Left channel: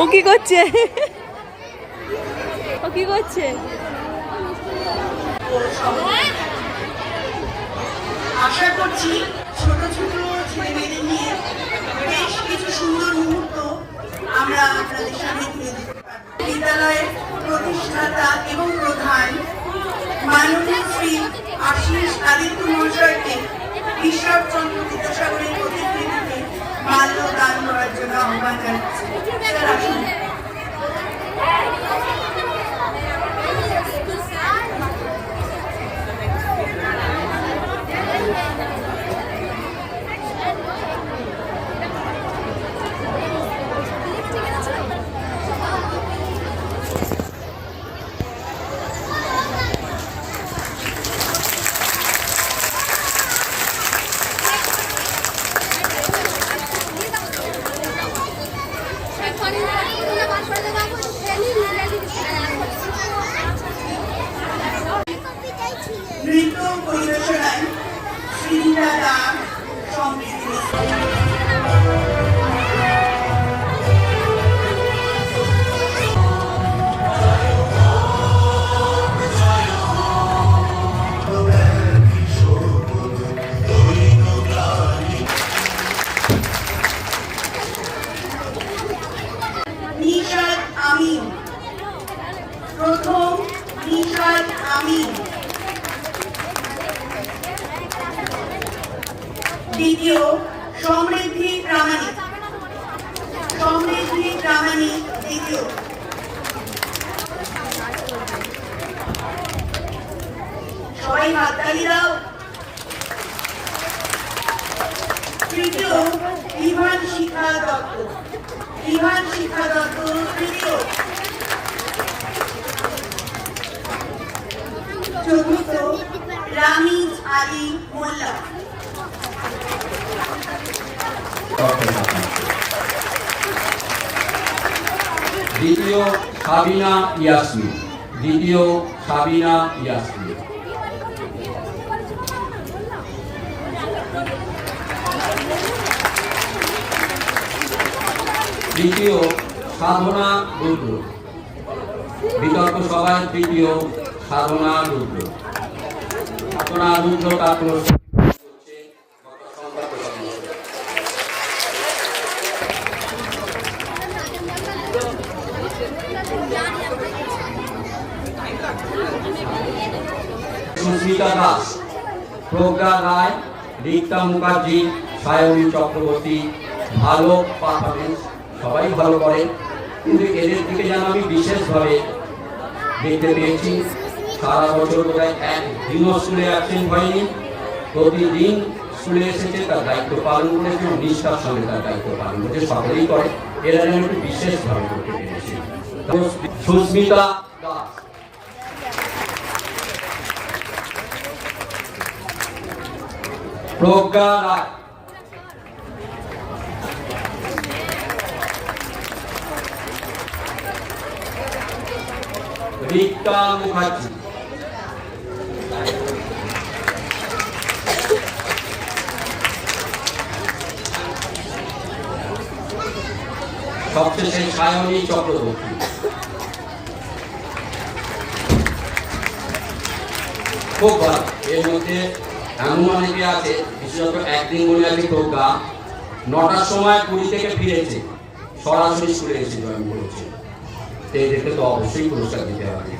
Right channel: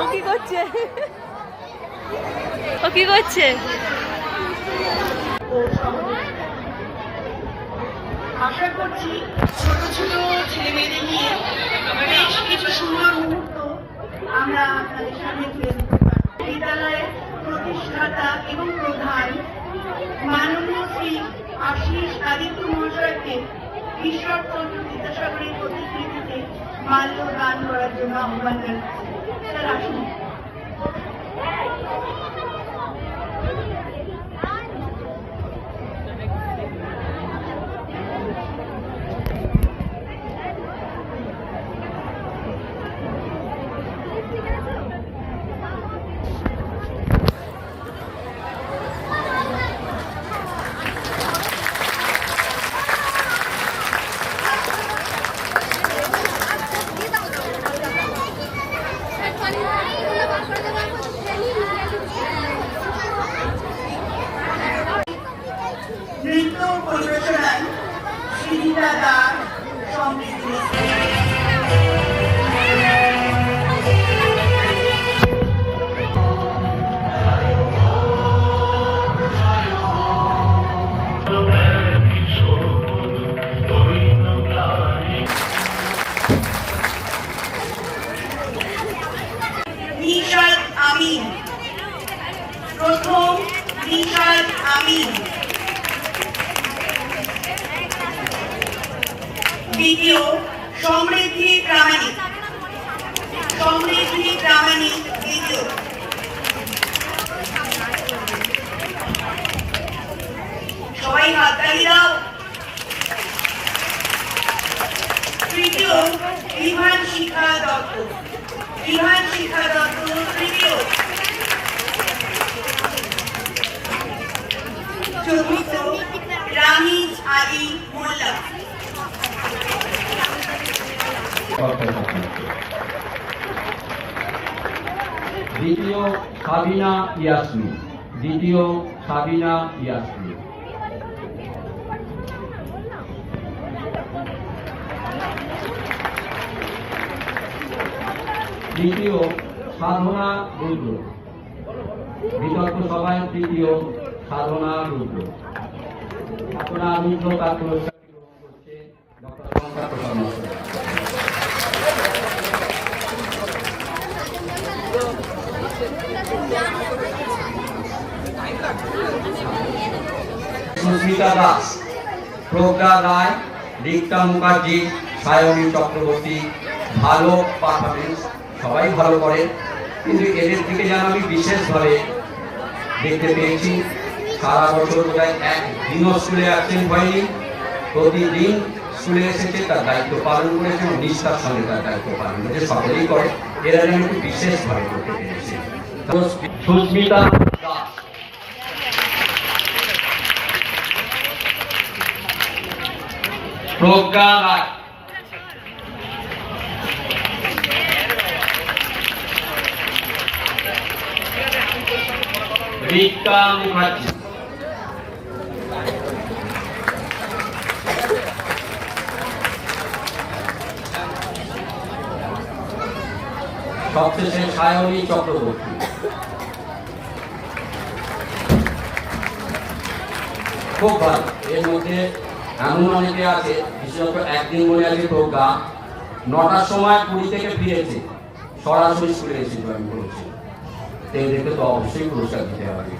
ও কি করছে? ও কি করছে? আশা করছি ছোট ছোট ছেলে মেয়েদের নিয়ে বেশ কিছু সুন্দর মুহূর্ত আমরা আপনাদের সামনে তুলে ধরতে পারব। বিদ্যালয়ের প্রতিষ্ঠাতা এবং প্রধান মাননীয় শ্রী আশিস আদিত্য মহাশয়কে ঈশ্বরচন্দ্র বিদ্যাসাগরের প্রতিকৃতিতে মাল্য দান করার জন্য আহ্বান জানাচ্ছি। স্যার আসুন। নৃত্য পরিবেশনায় শ্রীরা দাস সমৃদ্ধি নিশাদ আমিন, প্রথম নিশাদ আমিন, দ্বিতীয় সমৃদ্ধি প্রামাণিক, সমৃদ্ধি প্রামাণিক দ্বিতীয়, সবাই হাততালি দাও। তৃতীয় বিভান শিক্ষা দত্ত, বিভান শিক্ষা দত্ত তৃতীয়, চতুর্থ রামিজ আলী মোল্লা, দ্বিতীয় সাবিনা ইয়াসমিন, দ্বিতীয় সাবিনা ইয়াসমিন, তৃতীয় সাধনা রুদ্র, বিতর্ক সভায় তৃতীয় সাধনা রুদ্র, সাধনা রুদ্র তারপর সুস্মিতা দাস, প্রজ্ঞা রায়, রিক্তা মুখার্জি, সায়নী চক্রবর্তী ভালো পারফরমেন্স, সবাই ভালো করে, কিন্তু এদের দিকে যেন আমি বিশেষভাবে দেখতে পেয়েছি। সারা বছর প্রায় একদিনও স্কুলে অ্যাবসেন্ট হয়নি, প্রতিদিন স্কুলে এসেছে, তার দায়িত্ব পালন করেছে, নিষ্ঠার সঙ্গে তার দায়িত্ব পালন করেছে, সকলেই করে, এরা যেন একটু বিশেষভাবে করতে পেরেছে। সুস্মিতা দাস, প্রজ্ঞা রায়, রিক্তা মুখার্জি, সবশেষে সায়নী চক্রবর্তী। খুব ভালো। এর মধ্যে এমন অনেকে আছে, বিশেষত একদিন মনে আছে প্রজ্ঞা 9টার সময় পুরী থেকে ফিরেছে, সরাসরি স্কুলে এসে জয়েন করেছে, এদেরকে তো অবশ্যই পুরস্কার দিতে হবে।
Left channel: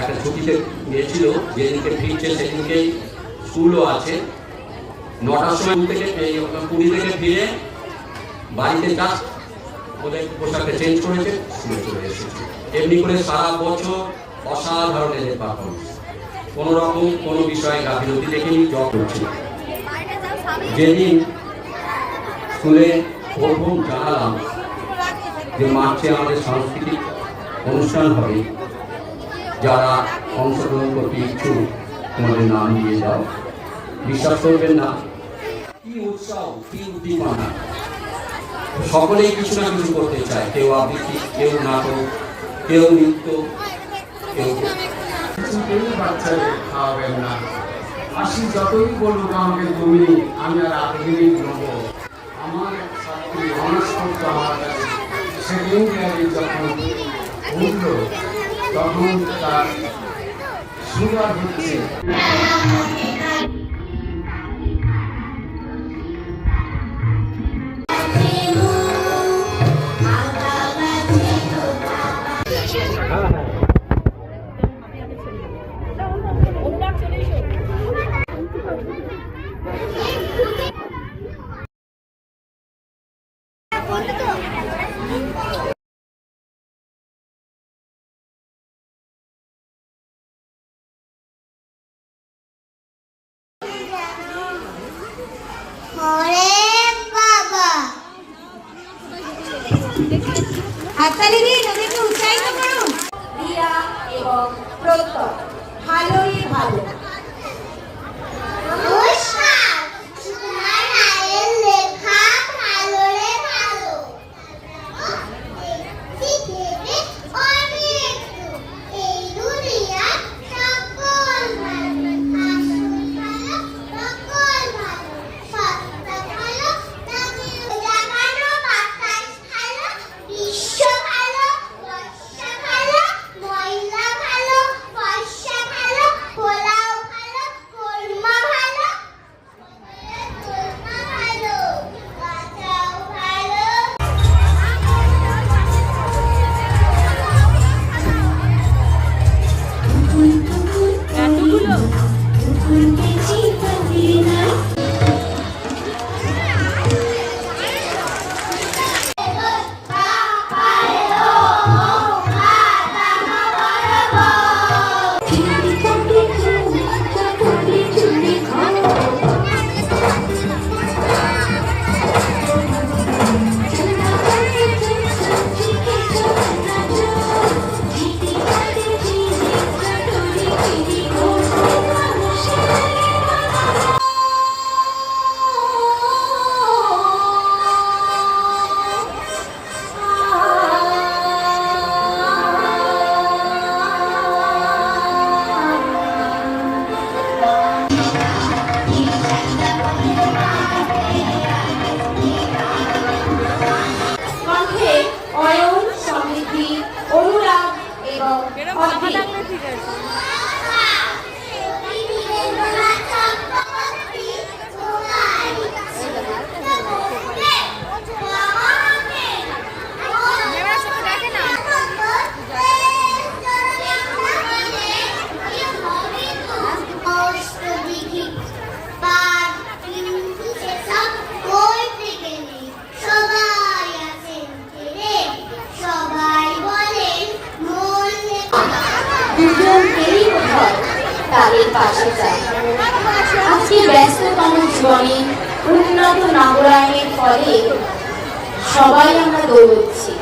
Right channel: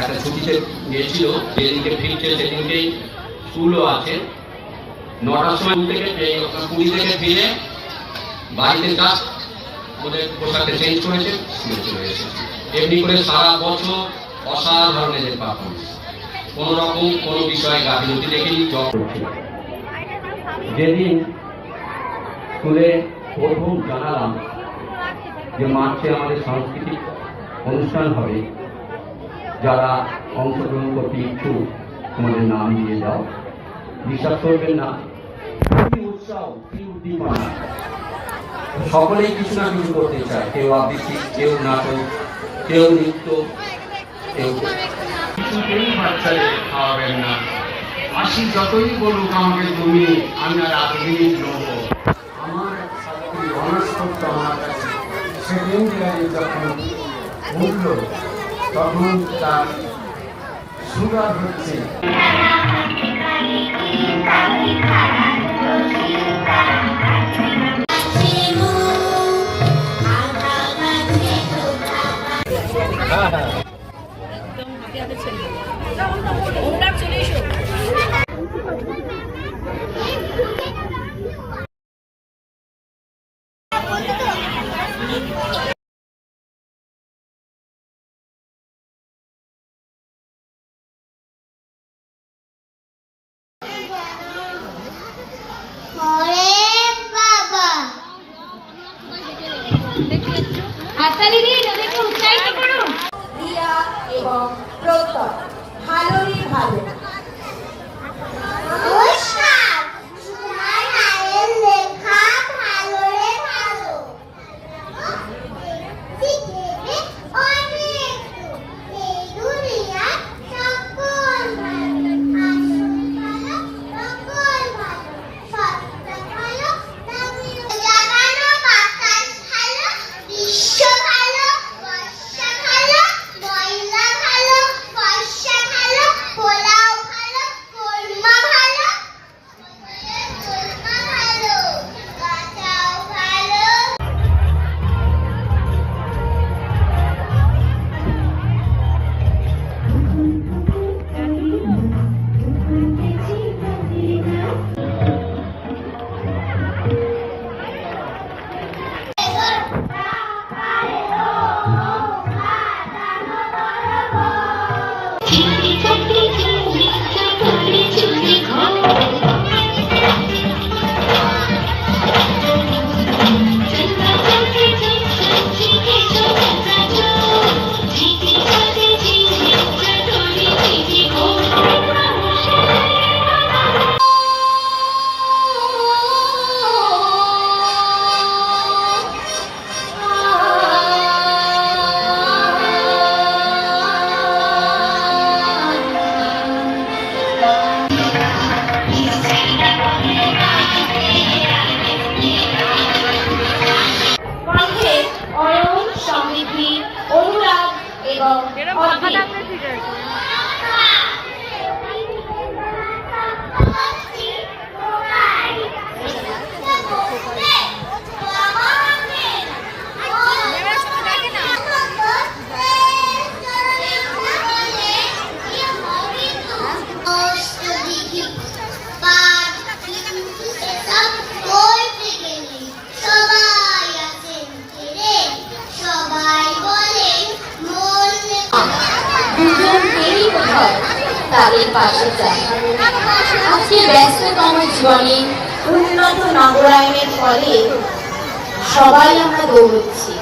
একটা ছুটিতে গিয়েছিল, যেদিনকে ফিরছে সেদিনকেই স্কুলও আছে, 9টার সময় পুরী থেকে ফিরে বাড়িতে জাস্ট ওদের পোশাকে চেঞ্জ করেছে, স্কুলে চলে এসেছে। এমনি করে সারা বছর অসাধারণ এদের পারফরমেন্স, কোনো রকম কোনো বিষয়ে গাফিলতি দেখেনি, জব করছে। যেদিন স্কুলে প্রথম জানালাম যে মার্চে আমাদের সাংস্কৃতিক অনুষ্ঠান হবে, যারা অংশগ্রহণ করতে ইচ্ছুক তোমাদের নাম দিয়ে যাও। বিশ্বাস করবেন না, কি উৎসাহ, কি উদ্দীপনা, সকলেই কিছু না কিছু করতে চায়। কেউ আবৃত্তি, কেউ নাটক, কেউ নৃত্য, কেউ কিছুতেই বাচ্চাদের খাওয়াবেন না। মাসি যতই বলুক আমাকে তুমি, আমি আর আধুনিক নেব। আমার এক ছাত্রী অনার্স করতো আমার কাছে, সেকেন্ড ইয়ারে যখন উঠল তখন তার সুগার হচ্ছে। হাততালি দিয়ে নদীকে উৎসাহিত করুন। রিয়া এবং প্রত্যয় ভালোই ভালো। তাদের পাশে চাই। আজকে ব্যস্ততম জীবনে উন্নত নগরায়নের ফলে সবাই আমরা দৌড়চ্ছি,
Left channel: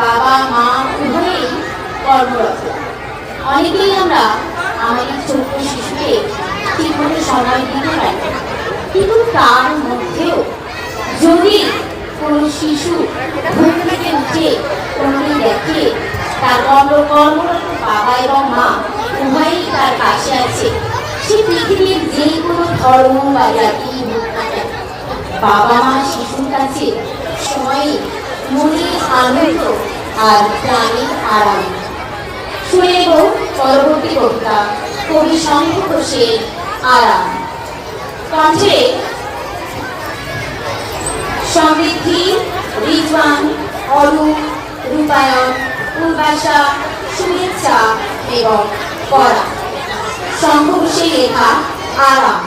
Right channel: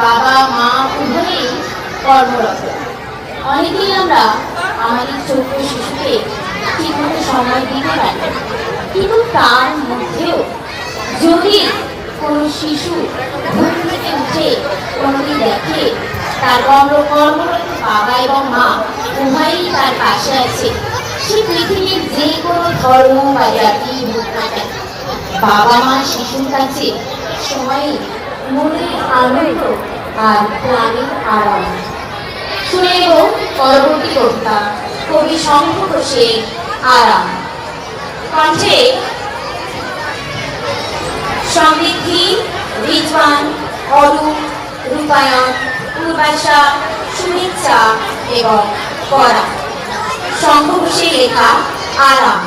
বাবা মা উভয়েই কর্মরত। অনেকেই আমরা আমাদের ছোট শিশুকে ঠিকমতো সময় দিতে পারি, কিন্তু তার মধ্যেও যদি কোনো শিশু ঘুম থেকে উঠে কোনোদিন দেখে তার কর্মরত বাবা এবং মা উভয়ই তার পাশে আছে, সে পৃথিবীর যে কোনো ধর্ম বা জাতি হোক না কেন, বাবা মা শিশুর কাছে সময় মনের আনন্দ আর প্রাণের আরাম। শুনে নেব পরবর্তী কবিতা কবি শঙ্খ ঘোষের আরাম। কণ্ঠে সমৃদ্ধি, রিজওয়ান, অরূপ, রূপায়ণ, পূর্বাশা, শুভেচ্ছা এবং পরা। শঙ্খ ঘোষের লেখা আরাম।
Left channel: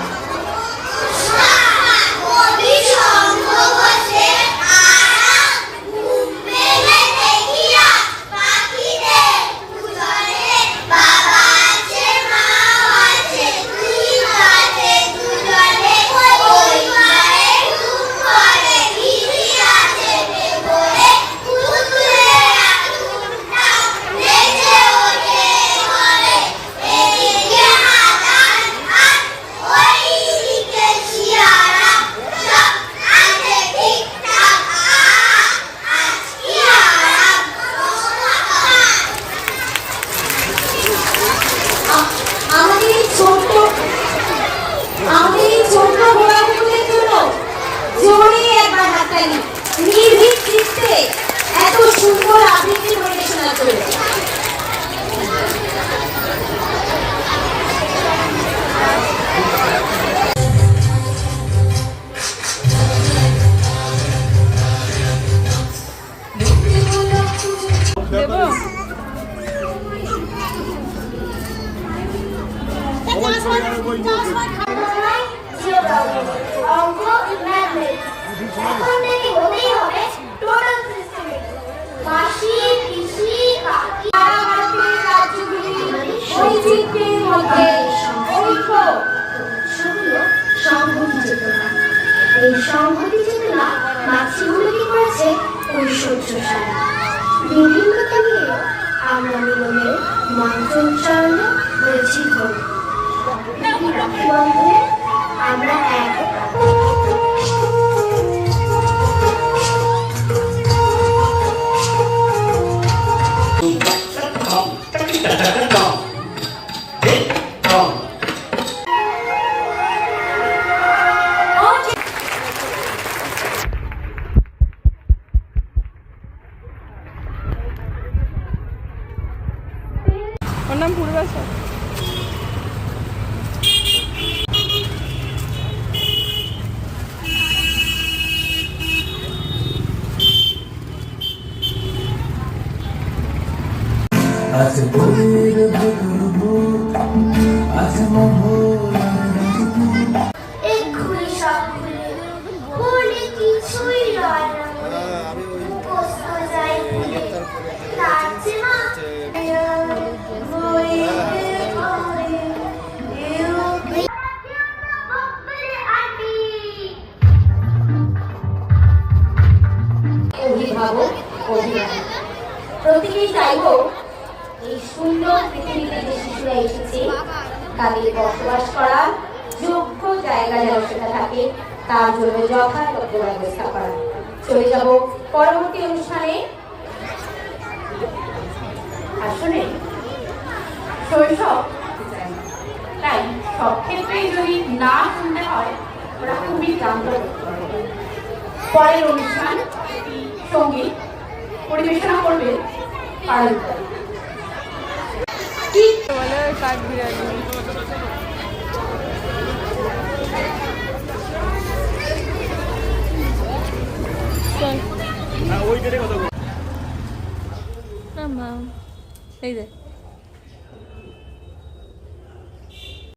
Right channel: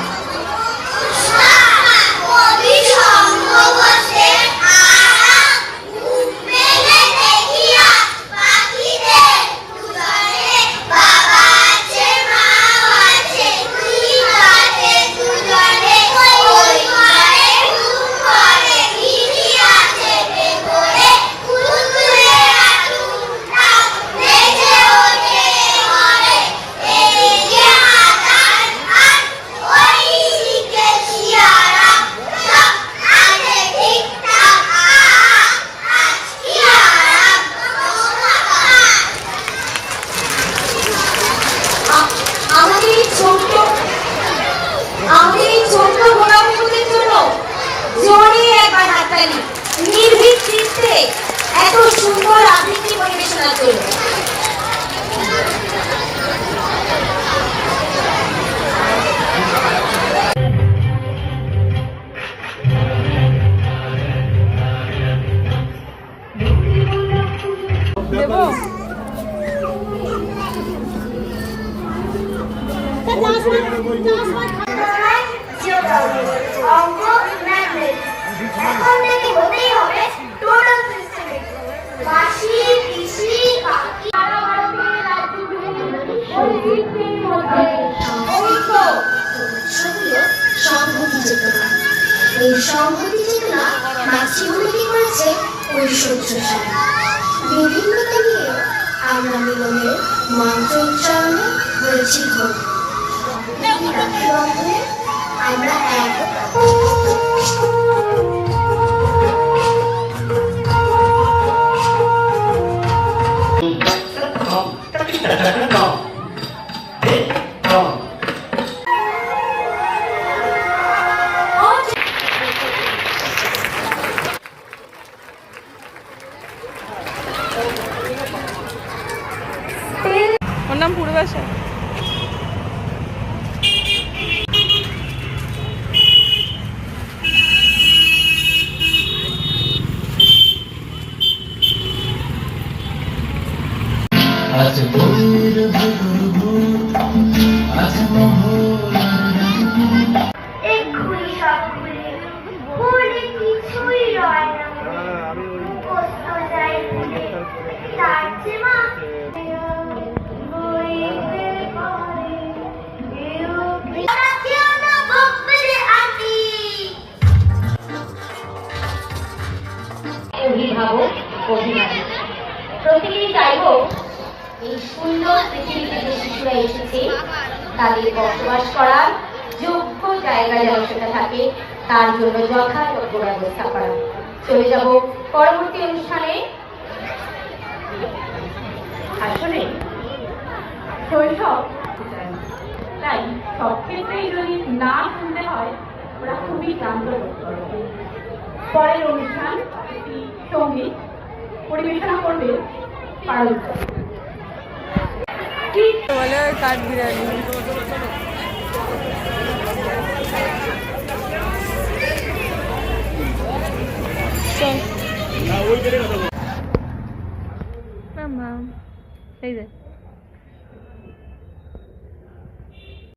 Yeah. শোনা চলবে। দেবো অঙ্ক ম্যাথমেটিক্স এখন থেকে হতেই হবে টোটাল সিস্টেমে। মাসি পিসি কাকি বৈচিত্র্যের মধ্যে ঐক্য সেগুলো সংহতি চেতনা। এই সংহতি চেতনা নাচিগুলিকে করেছে ঐশ্বর্যশালী। বিভিন্নতা নিয়ে আমরা মিলনের মন্ত্র উচ্চারণে রয়েছি ধর। রাখি বন্ধনে আমরা এক। ওর নাম পূর্বাশা। আজ বইয়ের ভেতর ভূত, আজ এক্ষুনি সব ভুলে ভুলে কিছুই রয় না মুখস্থ যায় ভুলে নাচে মা অভিভাবক অভিভাবক প্রতিদিন চাইব এই সুন্দর পৃথিবীতে যে শিশুরা এসেছে তাদের বসবাস করার যোগ্য জায়গা যেন সেটা থাকে, তার জন্য যথাযথ ব্যবস্থা করা। চলে যাব পরবর্তী অনুষ্ঠানে। আসলে শৈশব তাই সব ক্ষেত্রেই যদি না শুনতে হয় ওরা খুবই ক্লান্ত। পরের অনুষ্ঠান সঙ্গীত পরিবেশনা করবে তালুকদার। বলে কাঠ বিড়ালি। চল এই যে